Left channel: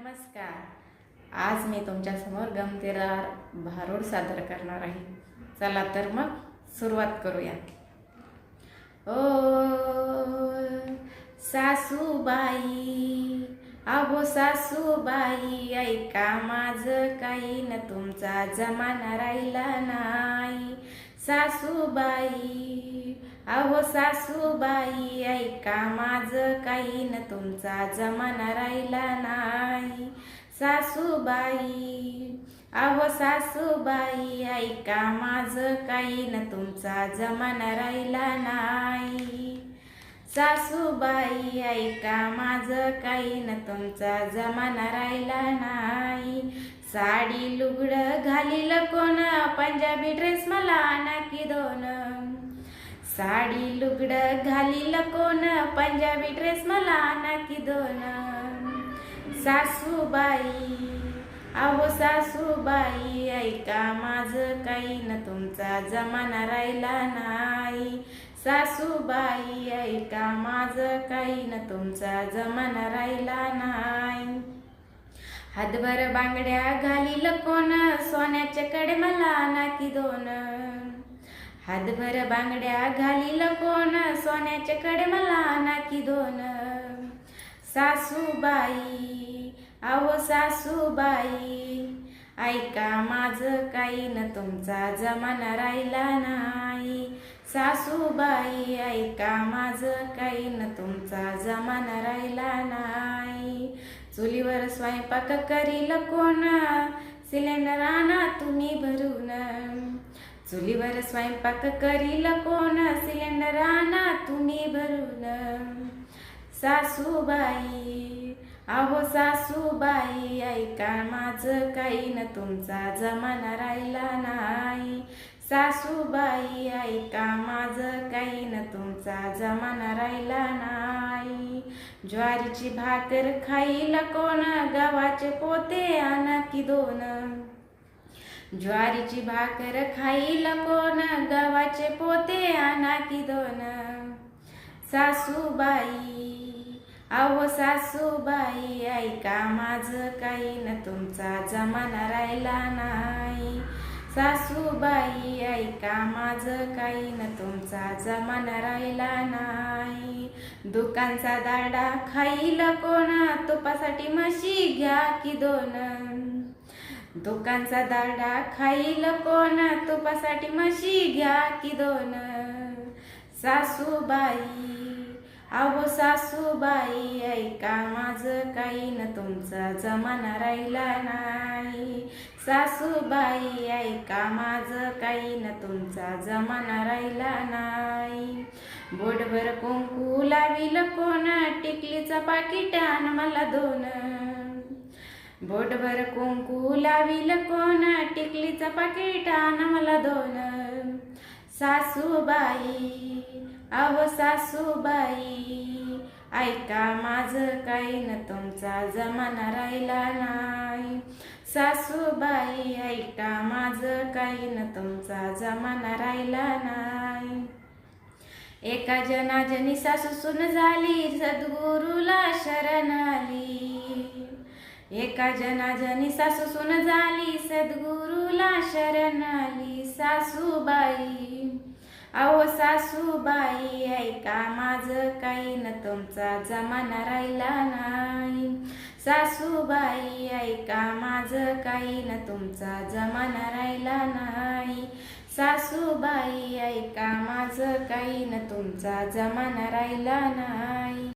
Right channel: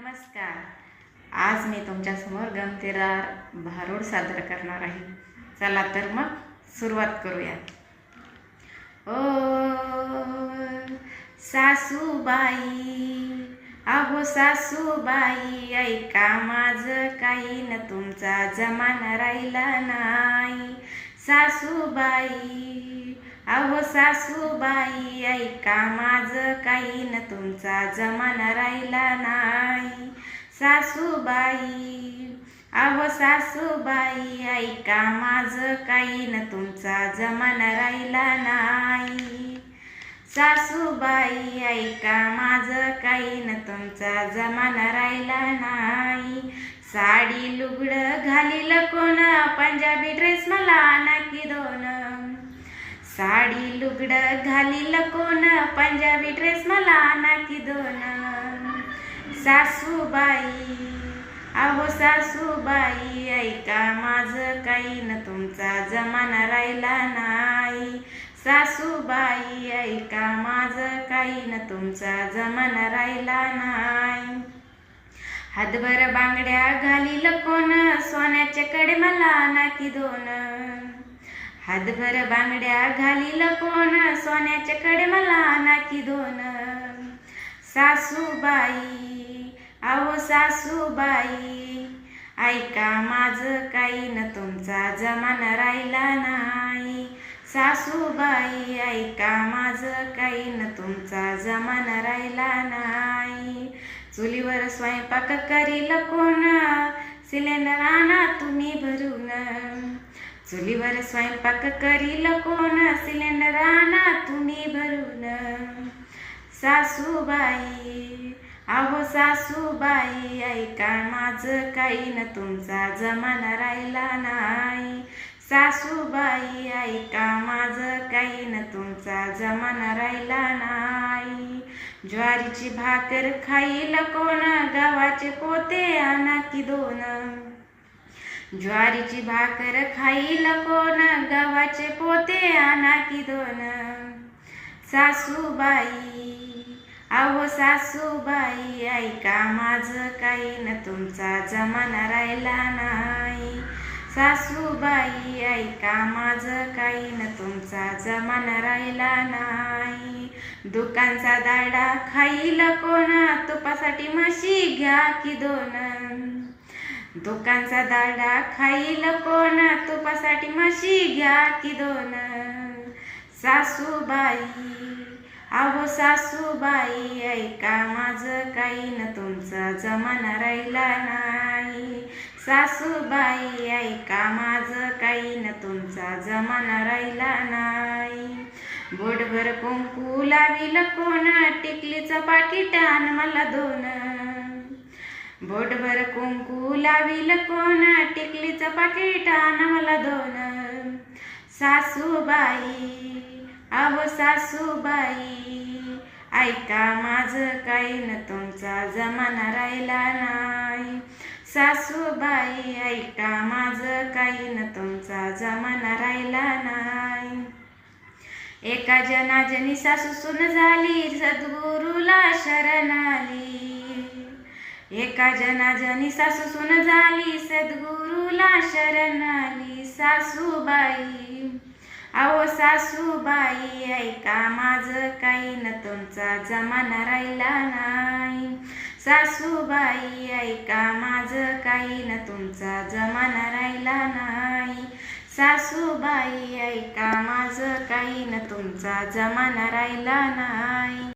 नमस्कार. आज मी तुमच्यासमोर गमतीदार भारूड सादर करणार आहे. चला तर मग सुरुवात करूया. ओ सासूबाई अहो सासूबाई ऐका माझं काही न तुमचा जमाना राहिला नाही. सासूबाई अहो सासूबाई ऐका माझं काही न तुमचा जमाना राहिला नाही. सासूबाई अहो सासूबाई ऐका माझं काही न तुमचा जमाना राहिला नाही. सासूबाई ऐका माझं काही न तुमचा जमाना राहिला नाही. साडी लुगडं घालील कोण पंजाबी ड्रेस मला नाकी दोन. साडी लुगडं घालील कोण? पंजाबी ड्रेस मला नाकी दोन. सासूबाई अहो सासूबाई ऐका माझं काही न तुमचा जमाना राहिला नाही. सासूबाई ऐका माझं काही न तुमचा जमाना राहिला नाही. हातभर बांगड्या घालील कोण? सोन्याच्या कडे मला नाकी दोन. हातभर बांगड्या घालील कोण? सोन्याच्या कडे मला नाकी दोन. सासूबाई अहो सासूबाई ऐका माझं काही न तुमचा जमाना राहिला नाही. सासूबाई ऐका माझं काही न तुमचा जमाना राहिला नाही. चुलीवर स्वयंपाक करील कोण? सिलेंडर आणा तुम्ही भरून. चुलीवर स्वयंपाक करील कोण? सिलेंडर आणा तुम्ही भरून. सासूबाई अहो सासूबाई ऐका माझं काही न तुमचा जमाना राहिला नाही. सासूबाई ऐका माझं काही न तुमचा जमाना राहिला नाही. ज्वारीची भाकर खाईल कोण? गव्हाचे पोते आणा की दोन. ज्वारीची भाकर खाईल कोण? गव्हाचे पोते आणा की दोन? सासूबाई अहो सासूबाई ऐका माझं काही न तुमचा जमाना राहिला नाही. सासूबाई ऐका माझं काही न तुमचा जमाना राहिला नाही. दुकानचा दाडा खाईल कोण? तुपासाठी म्हशी घ्या की दोन? दुकानचा दाडा खाईल कोण? तुपासाठी म्हशी घ्या की दोन. सासूबाई अहो सासूबाई ऐका माझं काही न तुमचा जमाना राहिला नाही. सासूबाई ऐका माझं काही न तुमचा जमाना राहिला नाही. बोटभर कुंकू लावील कोण? टिकलीचं पाकिट आण मला दोन. बोटभर कुंकू लावील कोण? टिकलीचं पाकिट आण मला दोन सासूबाई अहो सासूबाई ऐका माझं काही न तुमचा जमाना राहिला नाही. सासूबाई ऐका माझं काही न तुमचा जमाना राहिला नाही. एका जनाजनी सासू सुन झाली सद्गुरूला शरण आली एका जनाजनी सासू सुन झाली सद्गुरूला शरण आली सासूबाई. अहो सासूबाई ऐका माझं काही न तुमचा जमाना राहिला नाही. सासूबाई ऐका माझं काही न तुमचा जमाना राहिला नाही. सासूबाई ऐका माझं काही न तुमचा जमाना राहिला नाही.